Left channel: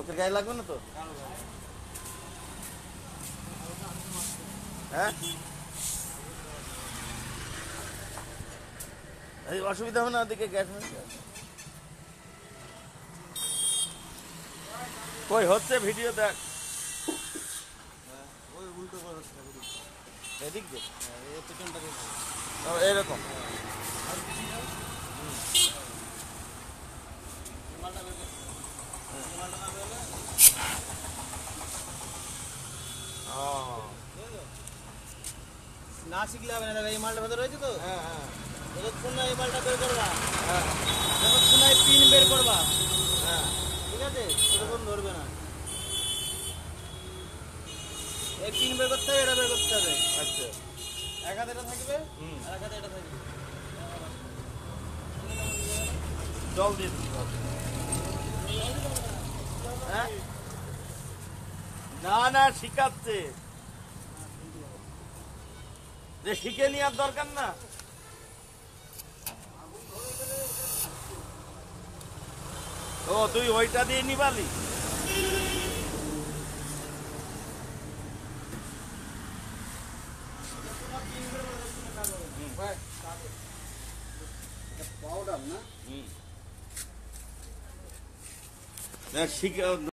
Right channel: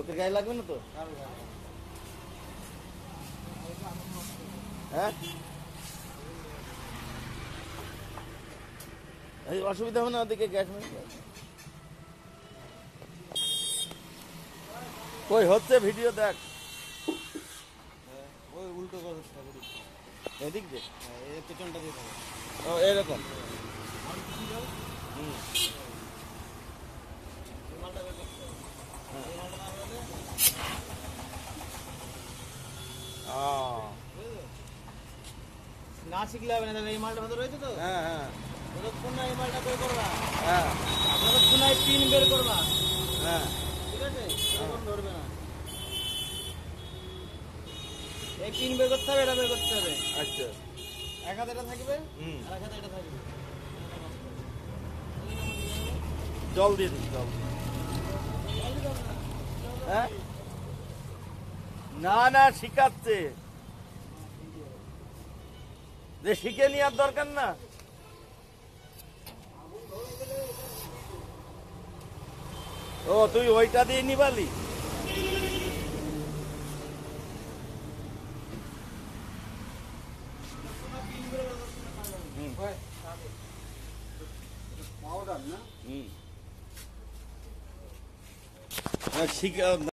লোকের গায়ে লাগবে না তো? হ্যাঁ, এই অসুবিধা হবে না ওদিকে গ্যাস কই হচ্ছে ভিডিও দেখ। ওই উল্টো করে এদিক দিয়ে পেছনটা এরকম। না শিখলে হবে না, এই মালটা ভেতরে রয়েছে তো। হ্যাঁ হ্যাঁ যতক্ষণ না এই মালটা বের করবা, হ্যাঁ যতক্ষণ না পিন বের করবা, হ্যাঁ ঠিক আছে, ততক্ষণ ধরবে না। এই পিন বের করতে হবে, এটা বের করতে হবে। আচ্ছা, এক হাতে এটা থাকবে আর এক হাতে এটা থাকবে। জল দিয়ে দিচ্ছি। হ্যাঁ, না না শিখাচ্ছে, যে শিখে নেওয়ার দরকার না। ও তুই ওইটা দিয়ে নিবালি? পাউডার না শিখা